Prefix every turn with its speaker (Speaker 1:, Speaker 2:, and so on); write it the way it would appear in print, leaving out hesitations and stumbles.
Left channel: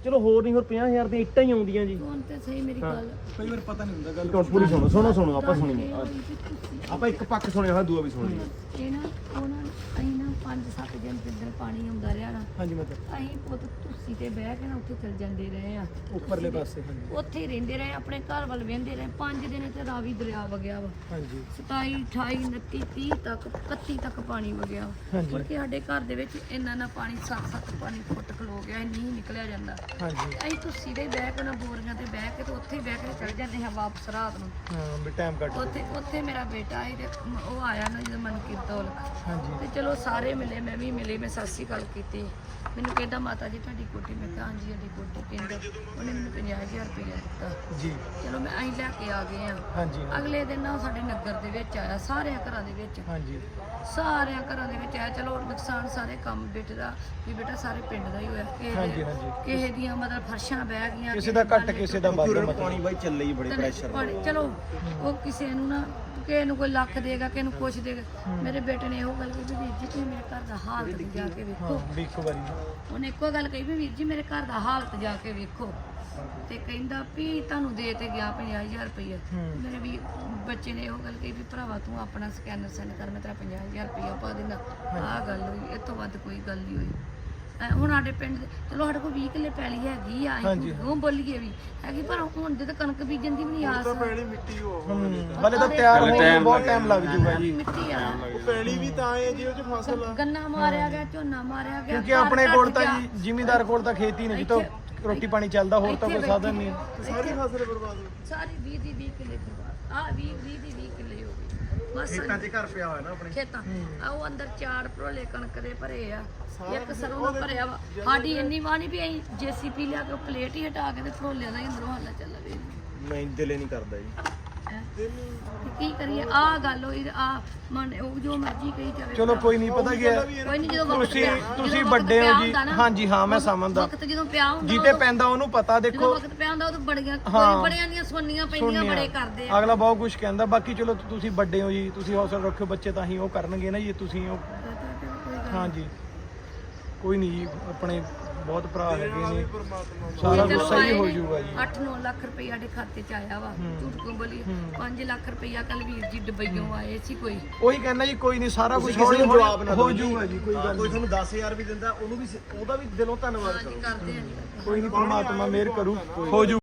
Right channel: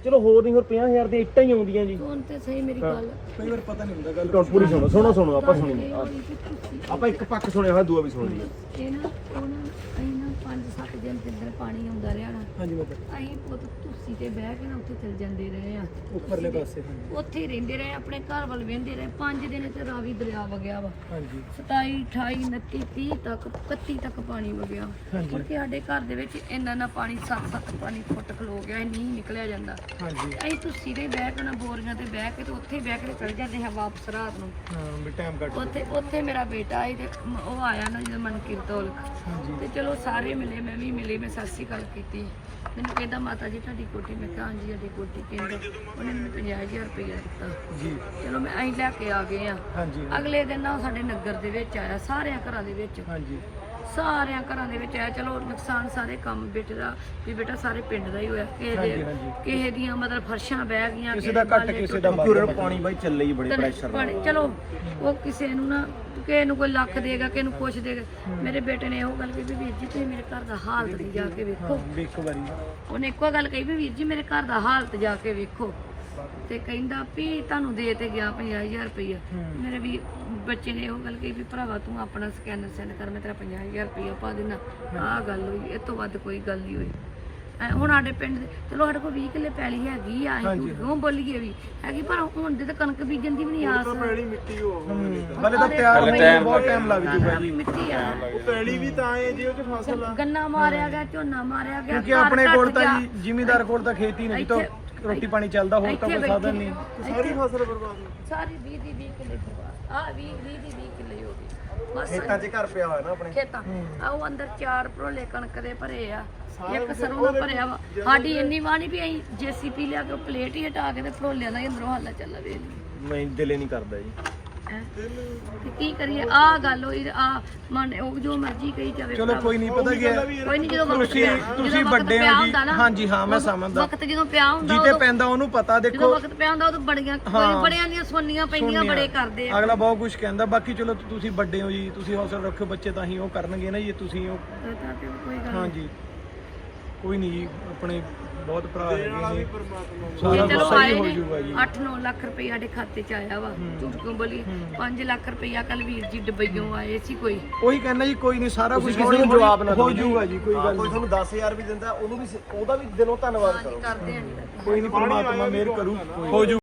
Speaker 1: ਚਲੋ ਹੋਰ ਨਹੀਂ, ਹੋਰ 50,000 ਦੀਆਂ ਇੱਟਾਂ ਹੀ ਆਉਂਦੀਆਂ ਜੀ।
Speaker 2: ਹੁਣ ਤਾਂ ਸਹੀ ਮੇਰੀ ਗੱਲ
Speaker 1: ਕਈ ਵਾਰ ਪਤਾ ਨਹੀਂ ਹੁੰਦਾ ਗੱਲ। ਪੂਰੀ ਸੁਣੋ ਆਪਾਂ ਸੁਣੀਏ, ਆਪਾਂ ਇੱਕ ਪੱਖ ਸੁਣਿਆ ਹੋਇਆ, ਦੂਆ ਵੀ ਸੁਣ ਲਈਏ।
Speaker 2: ਇਹ ਨਾ ਉਹ ਨਾ ਅਸੀਂ ਨਾ 5-7 ਦਿਨ ਜਿੱਦਣ ਪਾਣੀ ਆਉਂਦਾ ਰਿਹਾ ਨਾ,
Speaker 1: ਹਾਂਜੀ ਮਤਲਬ
Speaker 2: ਅਸੀਂ ਪੁੱਤ ਧੁੱਸੀ ਤੇ ਬਹਿ ਕੇ ਨਾ ਉੱਥੇ ਚਲ ਜਾਂਦੇ ਰਹੇ ਆ,
Speaker 1: ਉੱਪਰਲੇ ਪਾਸੇ। ਹਾਂਜੀ
Speaker 2: ਉੱਥੇ ਹੀ ਰਹਿੰਦੇ ਰਹੇ, ਆਪਣੇ ਘਰ ਵੱਲ ਵੇਂਦੇ ਰਹੇ। 5 ਦਿਨ ਤੇ ਰਾਵੀ ਦਰਿਆ ਵਗਿਆ ਵਾ।
Speaker 1: ਹਾਂਜੀ
Speaker 2: 27, 28, 29, 30 ਤੱਕ 31 ਤੱਕ ਪਾਣੀ ਵਗਿਆ। ਮੁੜ ਕੇ ਸਾਡੇ ਘਰ ਦੇ ਵਿੱਚ ਇੰਨਾ ਨਾ ਪਾਣੀ 7-7 ਪਾਣੀ ਫੁੱਟ ਖਲੋ ਗਿਆ, ਨਹੀਂ ਨਿਕਲਿਆ ਜਾਂਦਾ।
Speaker 1: ਹਾਂਜੀ
Speaker 2: ਅਸੀਂ ਧੁੱਸੀ ਤੇ ਬਹਿ ਕੇ ਨਾ ਬੋਰੀਆਂ ਤੇ ਬਹਿ ਕੇ ਤੇ ਉੱਥੇ ਬਹਿ ਕੇ ਚਲ ਜਾਂਦੇ ਹਾਂ ਵਾਪਸ ਰਾਤ ਨੂੰ।
Speaker 1: ਹਾਂ ਵੀ ਟਾਈਮ ਕੱਟ।
Speaker 2: ਉੱਥੇ ਮੇਰਾ ਬੇਟਾ ਆਈ ਤੇ ਉਹ ਆਇਆ ਨਾ ਜਦੋਂ ਮਨਕੀਰਤ ਔਲਖ,
Speaker 1: ਹਾਂਜੀ
Speaker 2: ਤੇ ਚਲੋ ਸਾਰੇ ਮਿਲੇ, ਮੈਂ ਵੀ ਮਿਲੀ, ਮੈਂ ਸਤਿ ਸ਼੍ਰੀ ਅਕਾਲ ਕੀਤੀ। ਮੈਨੂੰ ਕਹਿੰਦਾ ਮਾਤਾ ਜੀ ਤੁਹਾਡੀ ਕੋਠੀ, ਮੈਂ ਕਿਹਾ ਹਾਂਜੀ ਸਾਡੀ ਕੋਠੀ। ਕਹਿੰਦਾ ਉਹਨੇ ਮੈਨੂੰ 50,000 ਰੁਪਇਆ ਦਿੱਤਾ
Speaker 1: ਜੀ।
Speaker 2: ਚਲੋ ਮੈਂ ਅਸੀਂ ਲੈ ਕੇ ਆ ਗਏ ਆ।
Speaker 1: ਹਾਂਜੀ
Speaker 2: ਅਗਲੇ ਦਿਨ ਨਾ ਸਾਡੇ ਨਗਰ ਦੇ ਵਿੱਚ ਆਇਆ, ਸਾਰਿਆਂ ਘਰਾਂ ਦੇ ਵਿੱਚ,
Speaker 1: ਹਾਂਜੀ
Speaker 2: ਸਾਰਿਆਂ ਘਰਾਂ ਦੇ ਵਿੱਚ ਆਇਆ। ਚਲੋ ਨੁਕਸਾਨ ਸਾਰੇ ਕੰਮ ਬੇਟੇ ਦਾ ਵੀ ਬੇਟਾ ਸਾਰੇ ਪਿੰਡ ਦਾ ਹੀ ਹੋਇਆ। ਕਿਸੇ ਦੀਆਂ ਮਤਲਬ ਫਰਸ਼ਾਂ ਬਹਿ ਗਈਆਂ,
Speaker 1: ਕਿਸੇ ਦਾ ਘੱਟ, ਕਿਸੇ ਦਾ ਵੱਧ। ਪਾਣੀ ਬਾਈ ਚੱਲੇ ਹੀ ਬੜੀ ਪ੍ਰੈਸ਼ਰ
Speaker 2: ਪਾਣੀ। ਚਲੋ ਉਹ ਕਿਸੇ ਨੂੰ ਨਾ, ਕਿਸੇ ਨੂੰ ਕੋਈ ਲੱਖ ਦੇਗਾ, ਕਿਸੇ ਨੂੰ ਕੁਛ ਦੇਗਾ। ਮੇਰੇ ਬੇਟੇ ਨੇ ਇਹੋ ਗੱਲ ਕਹੀ ਵੀ ਵੀਰ ਜੀ ਤੁਸੀਂ ਮੇਰੇ ਘਰ ਦਾ ਹਾਲਤ ਵੀ ਜਾ ਕੇ ਵੇਖੋ। ਉਹਨੇ ਇੱਕੋ ਗੱਲ ਕਹੀ ਵੀ ਵੀਰ ਜੀ ਮੇਰੇ ਘਰ ਦਾ ਹਾਲਤ ਜਾ ਕੇ ਵੇਖੋ। ਤੇ ਕਹਿੰਦਾ ਵੀ ਤੁਹਾਨੂੰ ਦੇ ਤੇ ਗਿਆ 50,000 ਰੁਪਇਆ। ਮੇਰੇ ਵੀ ਬੱਚੇ ਨੇ ਇਹੋ ਗੱਲ ਕਹੀ ਵੀ ਭਰਾਵਾ ਤੂੰ ਆਪਣਾ ਸਕੈਨਰ ਸੈਂਡ ਕਰ, ਮੈਂ ਤੇਰਾ 50,000 ਰੁਪਇਆ ਪਾ ਦੇਣਾ। ਆਹ ਗੱਲ ਹੋਈ, ਇਹ ਤੋਂ ਵੱਧ ਕੋਈ ਗੱਲ ਨਹੀਂ ਹੋਈ। ਹੁਣ ਸਾਡੇ ਪਿੰਡ ਚਲੋ ਸਾਡੇ ਕੋਲ 20 ਕਿੱਲੇ ਪੈਲੀ ਹੈਗੀ ਆ, ਅਸੀਂ ਕਿਉਂ ਬੋਲੀਏ ਵੀ ਹੈਗੀ, ਪਰ ਹੁਣ ਜੇ ਤਾਂ ਕਣਕ ਬੀਜਣ ਦੀ ਵੀ ਨਹੀਂ ਆਸ।
Speaker 1: ਮਿੱਟੀ ਬਲੇ ਤਾਂ ਤਿਆਰ ਹੋਣ ਨੂੰ ਬਹੁਤ ਟਾਈਮ ਲੱਗ ਜੂਗਾ ਜੀ।
Speaker 2: ਮਿੱਟੀ ਆ
Speaker 1: ਪੈਲੀ ਵੀ ਤਾਂ ਹੈ ਜੀ, ਉਹ ਚ ਫਸਲ ਆ।
Speaker 2: ਗੰਨਾ ਮਾਰਿਆ ਗਿਆ, ਝੋਨਾ ਮਾਰਿਆ ਗਿਆ,
Speaker 1: ਕਿਉਂਕਿ ਆਪਣੇ ਕੋਲ ਤਾਂ ਜੀ ਜ਼ਿਮੀਂਦਾਰ ਕੋਲ ਤਾਂ ਖੇਤੀ ਨਹੀਂ, ਤਾਂ ਰੋਟੀ ਪਾਣੀ ਚੱਲਦਾ, ਹੋਰ ਤਾਂ ਕੋਈ ਸਾਧਨ ਨਹੀਂ। ਸਾਰੀ ਫਸਲ ਬਰਬਾਦ,
Speaker 2: ਸਾਰੀ 20 ਦੀ 20 ਕਿੱਲੇ ਆ 20 ਦੀ 20 ਕਿੱਲੇ ਹੋ ਬਸ।
Speaker 1: ਖੇਤਾਂ 'ਚ ਘਰ ਪਿਆ ਹੋਇਆ ਨਾ ਆਪਣੇ
Speaker 2: ਖੇਤਾਂ ਆ, ਉਹ ਅੰਦਰ 4 ਭਰੋਲੇ ਕਣਕ ਦੇ ਭਰੇ ਆ, ਇੱਕ ਸਰੋਂ ਦਾ ਭਰਿਆ ਵਾ। ਸਾਡੀ ਇੰਨੀ ਵਾਹ ਨਹੀਂ ਵੀ ਅਸੀਂ JCP ਲਿਆ ਕੇ ਪਲੇਟ ਹੀ ਹਟਾ ਕੇ ਤੇ ਭਰੋਲਿਆਂ ਦਾ ਹੀ ਅੰਦਰੋਂ ਹੱਲਾ ਚੱਲਾ ਵੇ।
Speaker 1: ਨਹੀਂ ਦਿਲੇ ਨਹੀਂ ਕਰਦਾ ਜੀ।
Speaker 2: ਤੇ ਕੀ ਕਰੀਏ, ਆ ਗੱਲ ਹੋਈ ਆ ਮਨ ਉਹ ਜੋ ਮਰਜ਼ੀ ਕਹੀ ਜਾਵੇ।
Speaker 1: ਚਲੋ ਕੋਈ ਨਹੀਂ, ਪਤਾ ਕੀ ਹੈ,
Speaker 2: ਕੋਈ ਨਹੀਂ, ਜਦੋਂ ਵਕਤ ਪਿਆ,
Speaker 1: ਤੁਸੀਂ ਵੱਡੇ ਹੋ ਜੀ। ਹਾਂਜੀ ਹਾਂ ਮੈਂ ਸਮਝਦਾ,
Speaker 2: ਵਕਤ ਜਦੋਂ ਪਿਆ ਹੁੰਦਾ
Speaker 1: ਜਿੱਤੇ ਪੈਂਦਾ ਉਹਨੂੰ ਪਤਾ।
Speaker 2: ਜਦੋਂ
Speaker 1: ਦੇਖੋ
Speaker 2: ਵਕਤ ਪਿਆ ਹੁੰਦਾ ਉਦੋਂ ਬੜੀਆਂ ਕੋਈ ਬੜਿਆਂ ਦੀਆਂ ਸੁਣਨੀਆਂ ਪੈਂਦੀਆਂ, ਬੜੇ ਕਰਦੇ ਆ।
Speaker 1: ਅਗਲਾ ਬਹੁਤ ਕੁਝ ਕਹਿੰਦਾ। ਬਾਕੀ ਚਲੋ ਤੁਸੀਂ ਵੱਡੇ ਹੋ ਜੀ, ਤੁਸੀਂ ਹੌਸਲਾ ਰੱਖੋ, ਬੱਚੇ ਤਾਂ ਹੀ ਉਹ ਕਰਨਗੇ ਨਾ ਜੀ, ਤੁਸੀਂ ਉਹ। ਹਾਂਜੀ ਕੋਈ ਨਹੀਂ ਜੀ, ਆਪਣੇ ਬਹੁਤ ਭਰਾ ਹੈਗੇ ਨੇ, ਸਾਰਾ ਕੁਝ ਸਹੀ ਹੋ ਜਾਊਗਾ ਜੀ।
Speaker 2: 8-9 ਲੱਖ ਰੁਪਏ ਸਾਡੇ ਖਾਤੇ 'ਚ ਆਇਆ ਵਾ, ਝੂਠ ਕਿਉਂ ਬੋਲੀ। 5 ਲੱਖ ਰੁਪਇਆ ਕੱਲ ਵੀਰ ਜੀ ਦੁਬਈੋਂ ਆਏ ਸੀ। ਕੋਈ
Speaker 1: ਉਹੀ ਕਹਿੰਦਾ ਜੀ, ਕੋਈ ਨਹੀਂ, ਸਾਰਾ ਕੁਝ ਹੋ ਜਾਊਗਾ ਜੀ। ਕੋਈ ਗੱਲ ਨਹੀਂ, ਕੋਈ ਤੁਹਾਨੂੰ 10,000 ਵੀ ਦਿੰਦਾ, ਉਹਨੂੰ ਵੀ, ਉਹਦਾ ਵੀ ਦਿਲੋਂ ਧੰਨਵਾਦ ਕਰੋ।
Speaker 2: ਕਰਦੇ ਆ ਜੀ।
Speaker 1: ਕੋਈ ਨਹੀਂ, ਪਰਮਾਤਮਾ ਮਿਹਰ ਕਰੂ, ਹੋ ਜਾਊ।